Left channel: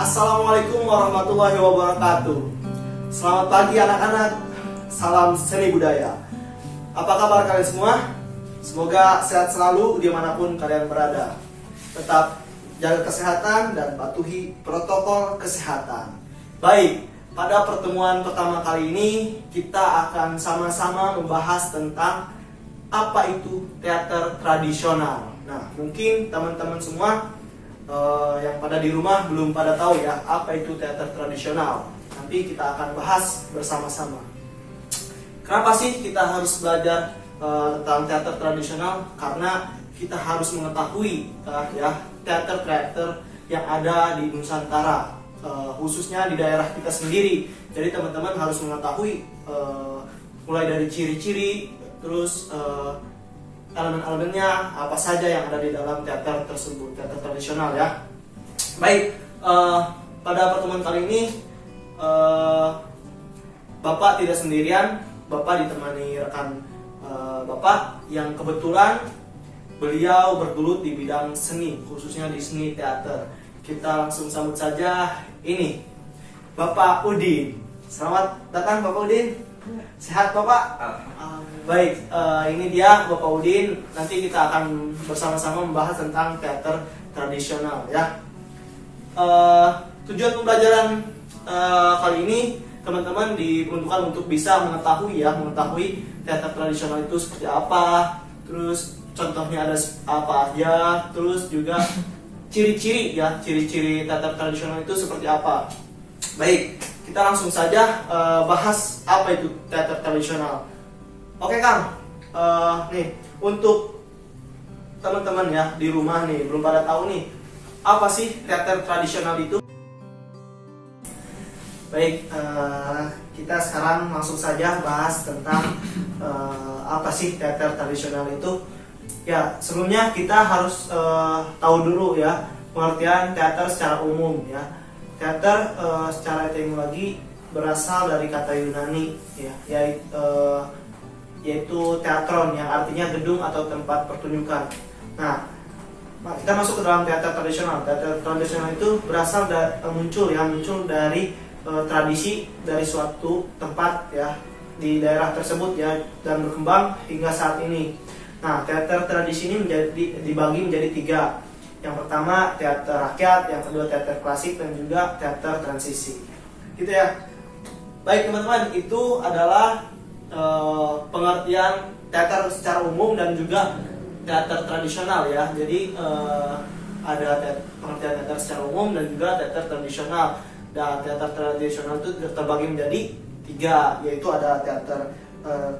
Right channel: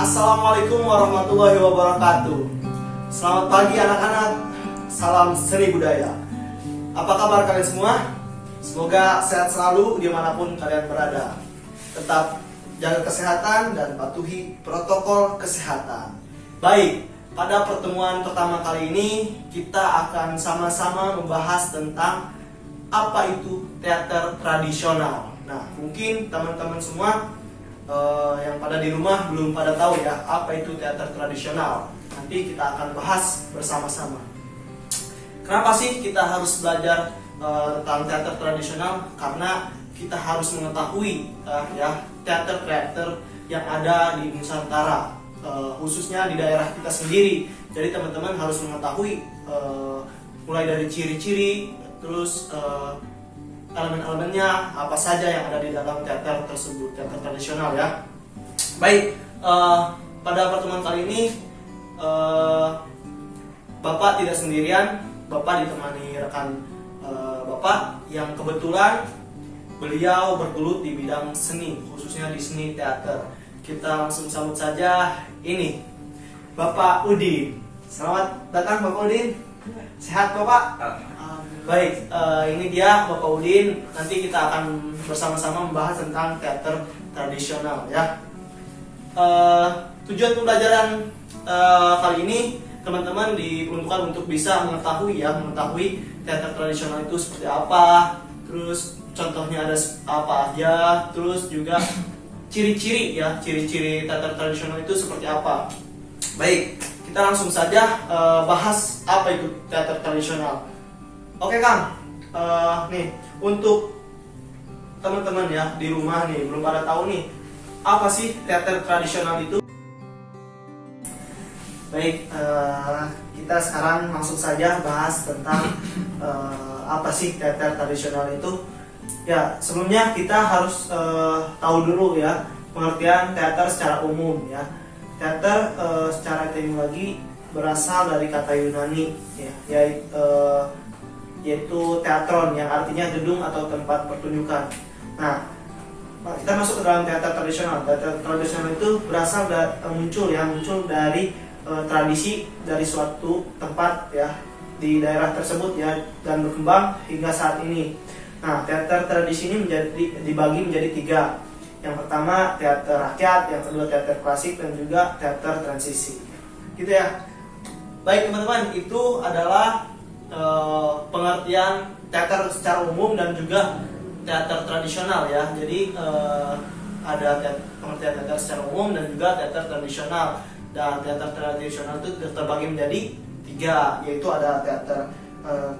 Assalamualaikum warahmatullahi wabarakatuh. Selamat pagi anak-anak. Salam seni budaya. Apa kabar kalian semua? Semoga sehat selalu dimanapun kalian berada. Tetap jaga kesehatan dan patuhi protokol kesehatan. Baik, pada pertemuan pertama kali ini kita akan sama-sama membahas tentang apa itu teater tradisional. Nah, mungkin teman-teman semua yang pada di rumah belum pada tahu ya apa itu teater tradisional. Nanti kita akan bahas bersama-sama. Kenapa sih kita harus belajar tentang teater tradisional? Karena kita harus mengetahui ya teater-teater yang ada di Nusantara, khususnya di daerah kita sendiri. Jadi teman-teman harus mengetahui mulai dari ciri-ciri, terus elemen-elemennya apa saja yang ada di dalam teater tersebut, teater tradisional ya. Baik, pada pertemuan kali ini Bapak tidak sendirian, Bapak ditemani rekan Bapak yang kebetulan beliau bergelut di bidang seni, khususnya di seni teater. Kita langsung sambut saja ini Bapak Udin. Selamat datang Bapak Udin. Sehat Bapak? Baik, ini dia Bapak Udin. Nanti kita akan bersama-sama membahas tentang teater tradisional ya. Tujuan pembelajaran kali ini teman-teman diperuntukkan untuk bisa mengetahui teater tradisional itu seperti apa, terus contohnya ada apa aja, terus juga ciri-ciri teater tradisional itu seperti apa. Baik, kita langsung saja bahas apa itu teater tradisional. Oke Kang, nih untuk teman-teman ya di rumah nih belum pada tahu nih apa sih teater tradisional itu. Baik, kita sekarang langsung saja bahas tentang apa sih teater tradisional itu. Ya, sebelumnya kita harus tahu dulu ya pengertian teater secara umum ya. Teater secara etimologi berasal dari kata Yunani ya, yaitu teatron yang artinya gedung atau tempat pertunjukan. Nah, kita masuk ke dalam teater tradisional. Teater tradisional itu berasal muncul dari tradisi dari suatu tempat ya di daerah tersebut ya, dan berkembang hingga saat ini. Nah, teater tradisi ini dibagi menjadi 3. Yang pertama teater rakyat, yang kedua teater klasik, dan juga teater transisi. Gitu ya. Baik teman-teman, itu adalah pengertian teater secara umum dan juga teater tradisional ya. Jadi ada pengertian teater secara umum dan juga teater tradisional. Dan teater tradisional itu terbagi menjadi 3, yaitu ada teater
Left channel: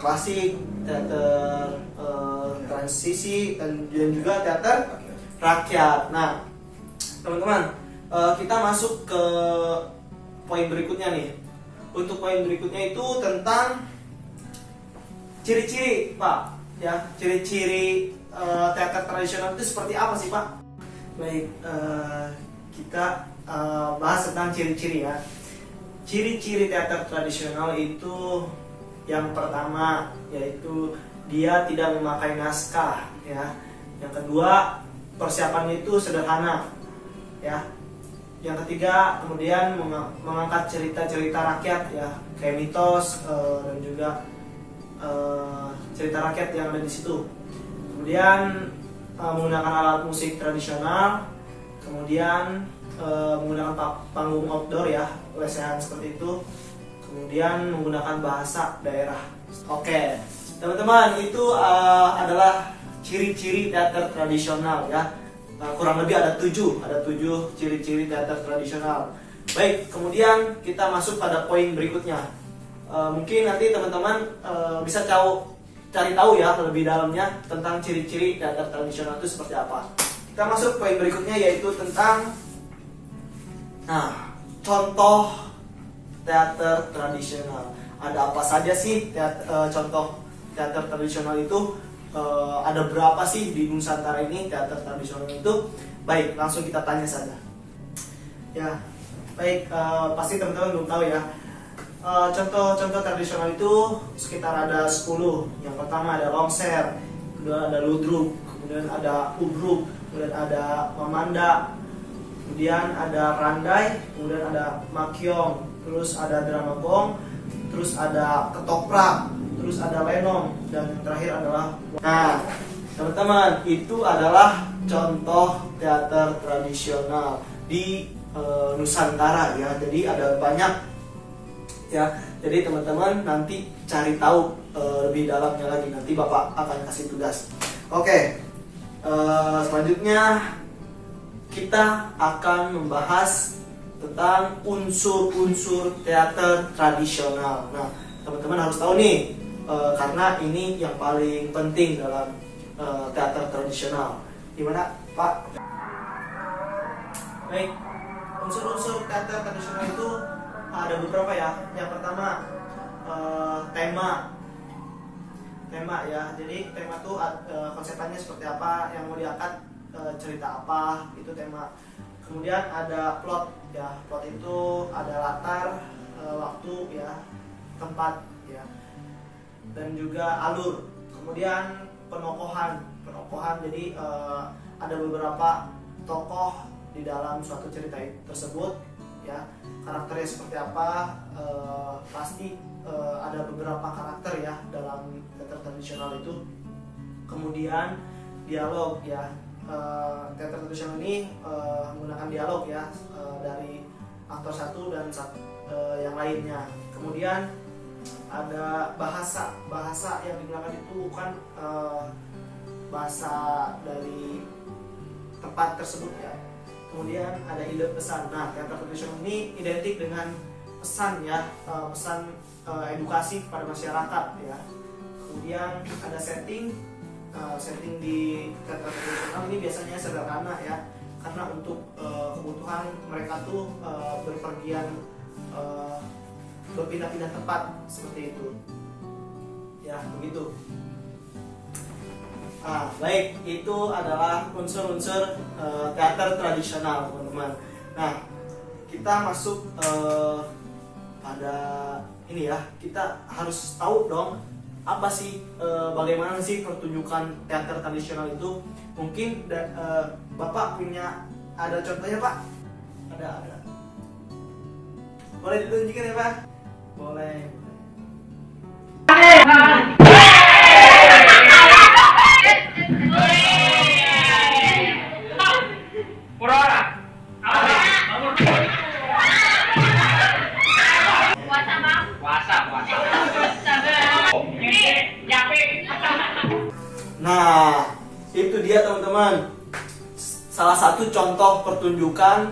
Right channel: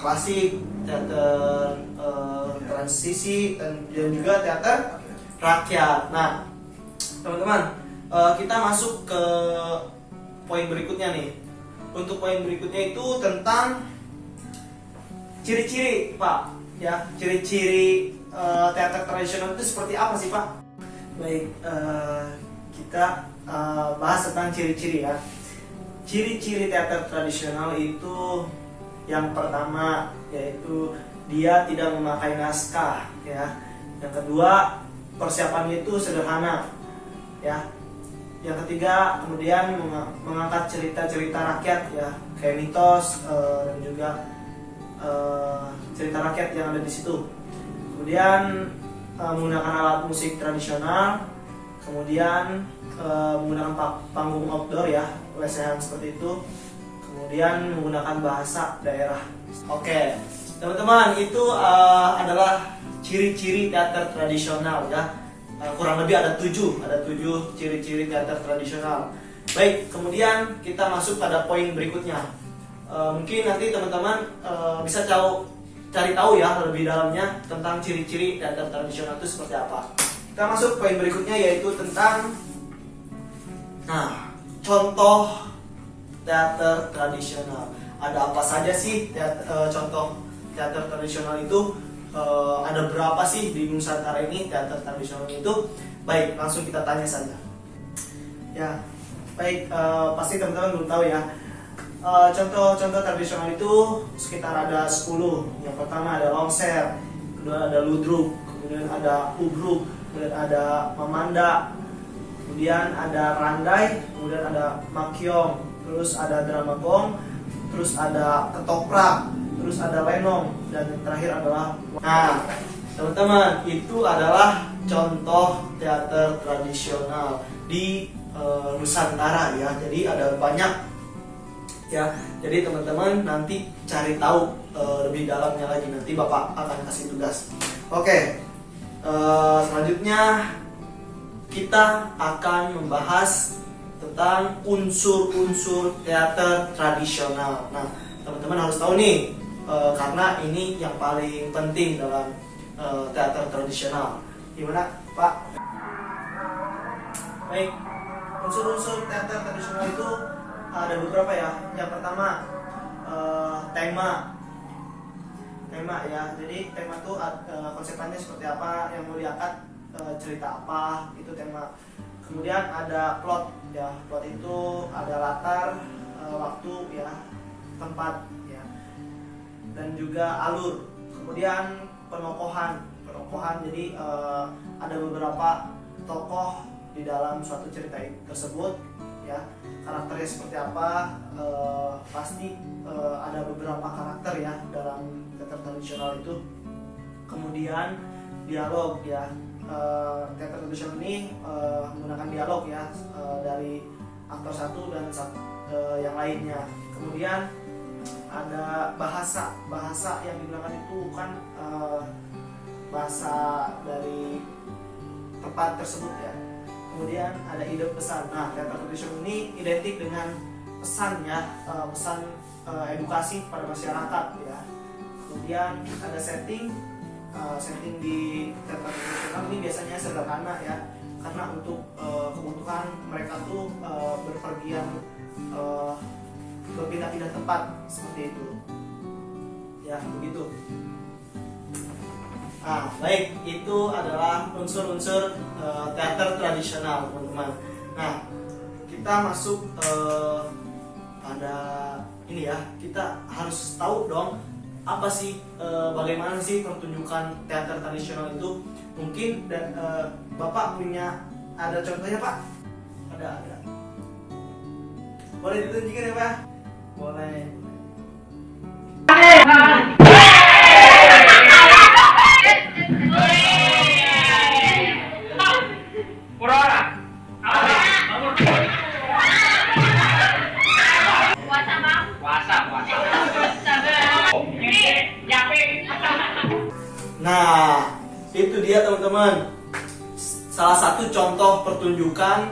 klasik, teater transisi, dan juga teater rakyat. Nah, teman-teman, kita masuk ke poin berikutnya nih. Untuk poin berikutnya itu tentang ciri-ciri, Pak. Ya, ciri-ciri teater tradisional itu seperti apa sih, Pak? Baik, kita bahas tentang ciri-ciri ya. Ciri-ciri teater tradisional itu yang pertama yaitu dia tidak memakai naskah ya. Yang kedua, persiapannya itu sederhana ya. Yang ketiga, kemudian mengangkat cerita-cerita rakyat ya, kayak mitos dan juga cerita rakyat yang ada di situ. Kemudian menggunakan alat musik tradisional, kemudian menggunakan panggung outdoor ya, lesehan seperti itu, kemudian menggunakan bahasa daerah. Oke, teman-teman, itu adalah ciri-ciri teater tradisional ya. Kurang lebih ada 7 ciri-ciri teater tradisional. Baik, kemudian kita masuk pada poin berikutnya. Mungkin nanti teman-teman bisa cari tahu ya lebih dalamnya tentang ciri-ciri teater tradisional itu seperti apa. Kita masuk poin berikutnya yaitu tentang contoh teater tradisional. Ada apa saja sih contoh teater tradisional itu? Ada berapa sih di Nusantara ini teater tradisional itu? Baik, langsung kita tanya saja. Ya, baik, pasti teman-teman belum tahu ya. Contoh-contoh tradisional itu sekitar ada 10. Yang pertama ada longser, kedua ada ludruk, kemudian ada ubruk, kemudian ada memanda, kemudian ada randai, kemudian ada makyong, terus ada drama gong, terus ada ketoprak, terus ada lenong, dan yang terakhir adalah. Nah, teman-teman, itu adalah contoh teater tradisional di Nusantara ya. Jadi ada banyak ya. Jadi teman-teman nanti cari tahu lebih dalamnya lagi, nanti Bapak akan kasih tugas. Oke, selanjutnya kita akan membahas tentang unsur-unsur teater tradisional. Nah, teman-teman harus tahu nih, karena ini yang paling penting dalam teater tradisional. Gimana, Pak? Baik, unsur-unsur teater tradisional itu ada beberapa ya. Yang pertama, tema ya. Jadi tema itu konsepnya seperti apa, yang mau diangkat cerita apa, itu tema. Kemudian ada plot ya. Plot itu ada latar, waktu ya, tempat ya, dan juga alur. Kemudian penokohan. Jadi ada beberapa tokoh di dalam suatu cerita tersebut ya. Karakternya seperti apa, pasti ada beberapa karakter ya dalam teater tradisional itu. Kemudian dialog ya. Teater tradisional ini menggunakan dialog ya, dari aktor satu dan yang lainnya. Kemudian ada bahasa yang digunakan itu kan bahasa dari tempat tersebut ya. Kemudian ada ide pesan. Nah, teater tradisional ini identik dengan pesan ya, pesan edukasi kepada masyarakat ya. Kemudian ada setting di teater tradisional ini biasanya sederhana ya, karena untuk kebutuhan mereka tuh berpergian, berpindah-pindah tempat seperti itu ya, begitu. Nah, baik, itu adalah unsur-unsur teater tradisional, teman-teman. Nah, kita masuk pada ini ya. Kita harus tahu dong, apa sih, bagaimana sih pertunjukan teater tradisional itu? Mungkin Bapak punya ada contohnya, Pak? Ada. Boleh ditunjukkan ya, Pak? Boleh. Nah, itu dia teman-teman, salah satu contoh pertunjukan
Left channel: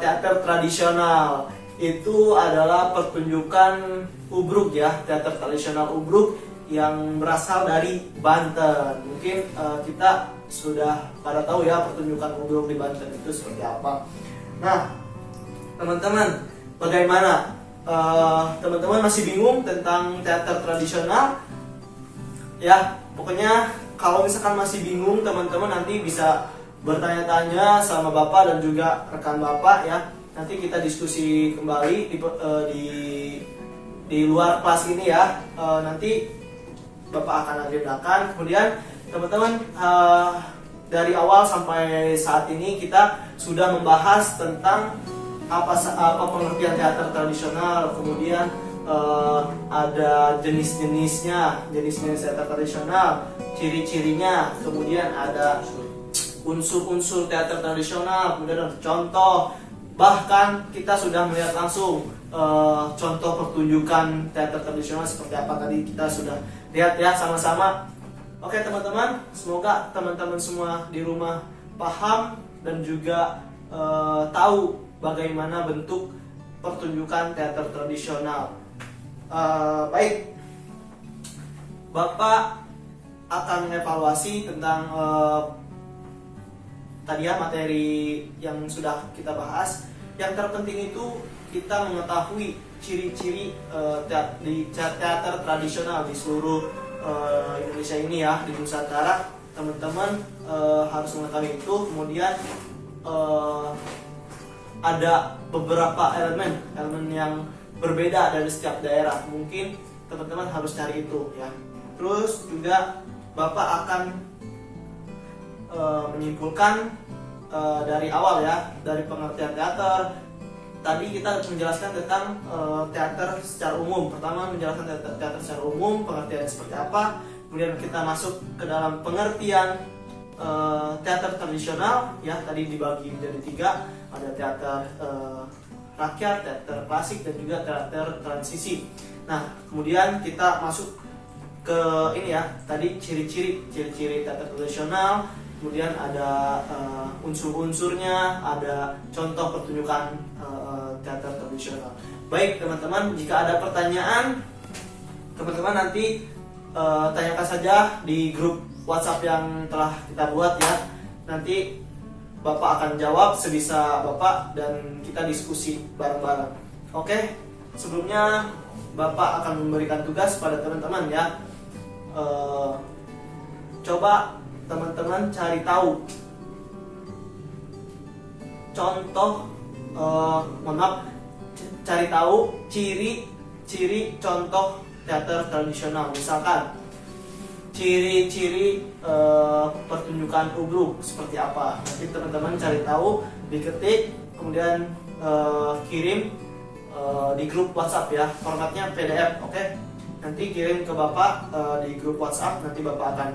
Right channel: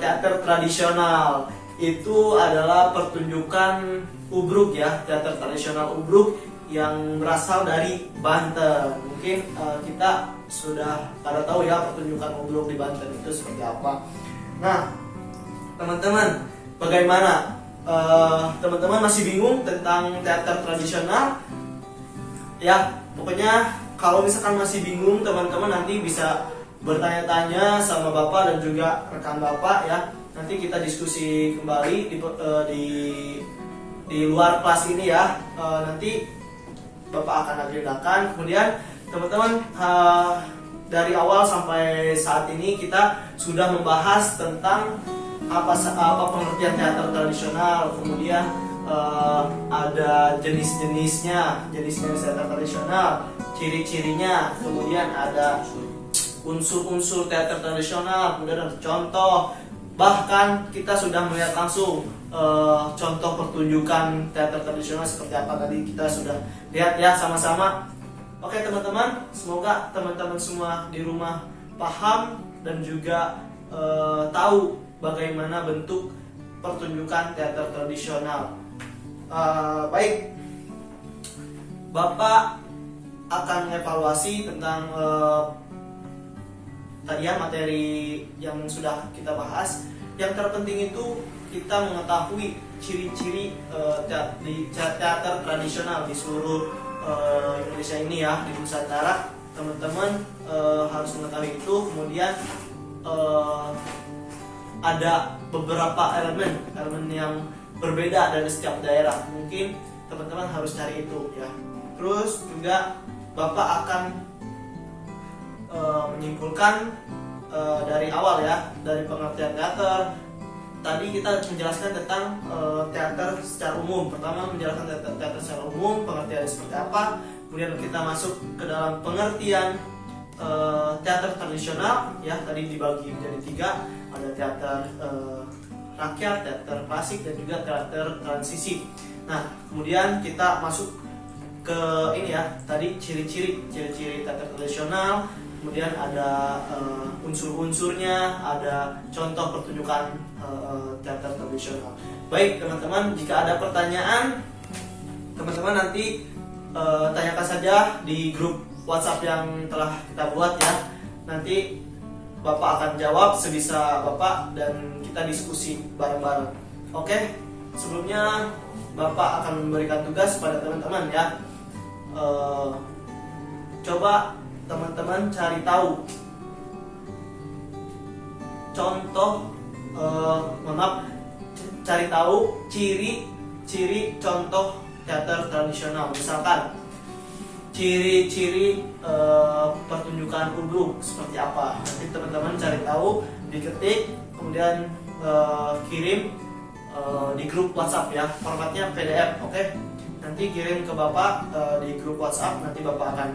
teater tradisional. Itu adalah pertunjukan Ubruk ya, teater tradisional Ubruk yang berasal dari Banten. Mungkin kita sudah pada tahu ya pertunjukan Ubruk di Banten itu seperti apa. Nah, teman-teman, bagaimana? Teman-teman masih bingung tentang teater tradisional? Ya, pokoknya kalau misalkan masih bingung, teman-teman nanti bisa bertanya-tanya sama Bapak dan juga rekan Bapak ya. Nanti kita diskusi kembali di luar kelas ini ya. Nanti Bapak akan agendakan. Kemudian teman-teman, dari awal sampai saat ini kita sudah membahas tentang apa pengertian teater tradisional. Kemudian ada jenis-jenisnya, jenis-jenis teater tradisional, ciri-cirinya. Kemudian ada unsur-unsur teater tradisional. Kemudian ada contoh. Bahkan kita sudah melihat langsung contoh pertunjukan teater tradisional seperti apa, tadi kita sudah lihat ya sama-sama. Oke teman-teman, semoga teman-teman semua di rumah paham dan juga tahu bagaimana bentuk pertunjukan teater tradisional. Baik, Bapak akan mengevaluasi tentang tadi ya materi yang sudah kita bahas. Yang terpenting itu kita mengetahui ciri-ciri teater tradisional di seluruh Indonesia ini ya, di Nusantara. Teman-teman harus mengetahui itu. Kemudian ada beberapa elemen yang berbeda dari setiap daerah. Mungkin teman-teman harus cari itu ya. Terus juga Bapak akan menyimpulkan dari awal ya, dari pengertian teater. Tadi kita menjelaskan tentang teater secara umum. Pertama menjelaskan teater secara umum, pengertian seperti apa. Kemudian kita masuk ke dalam pengertian teater tradisional ya, tadi dibagi menjadi 3, ada teater rakyat, teater klasik, dan juga teater transisi. Nah, kemudian kita masuk ke ini ya, tadi ciri-ciri teater tradisional, kemudian ada unsur-unsurnya, ada contoh pertunjukan teater tradisional. Baik teman-teman, jika ada pertanyaan, teman-teman nanti tanyakan saja di grup WhatsApp yang telah kita buat ya. Nanti Bapak akan jawab sebisa Bapak dan kita diskusi bareng-bareng. Oke, sebelumnya Bapak akan memberikan tugas pada teman-teman ya. Coba teman-teman cari tahu contoh, cari tahu ciri-ciri contoh teater tradisional. Misalkan ciri-ciri pertunjukan ubruk seperti apa. Nanti teman-teman cari tahu, diketik, kemudian kirim di grup WhatsApp ya. Formatnya PDF, oke? Nanti kirim ke Bapak di grup WhatsApp. Nanti Bapak akan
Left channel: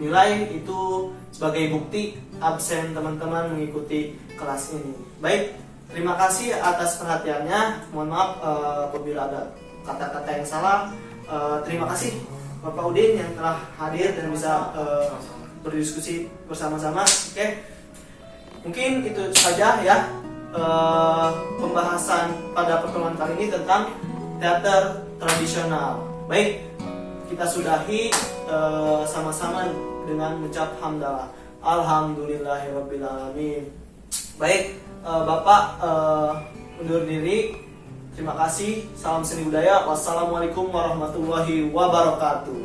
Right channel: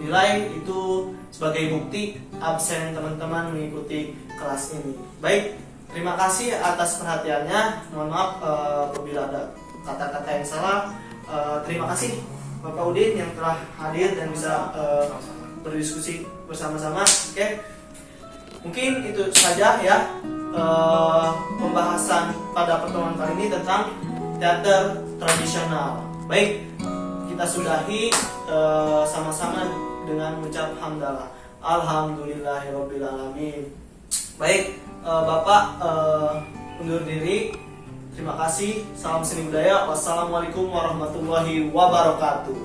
nilai itu sebagai bukti absen teman-teman mengikuti kelas ini. Baik, terima kasih atas perhatiannya. Mohon maaf apabila ada kata-kata yang salah. Terima kasih Bapak Udin yang telah hadir dan bisa berdiskusi bersama-sama. Oke, mungkin itu saja ya pembahasan pada pertemuan kali ini tentang teater tradisional. Baik, kita sudahi sama-sama dengan mengucap hamdalah. Alhamdulillahirabbil alamin. Baik, Bapak undur diri. Terima kasih. Salam seni budaya. Wassalamualaikum warahmatullahi wabarakatuh.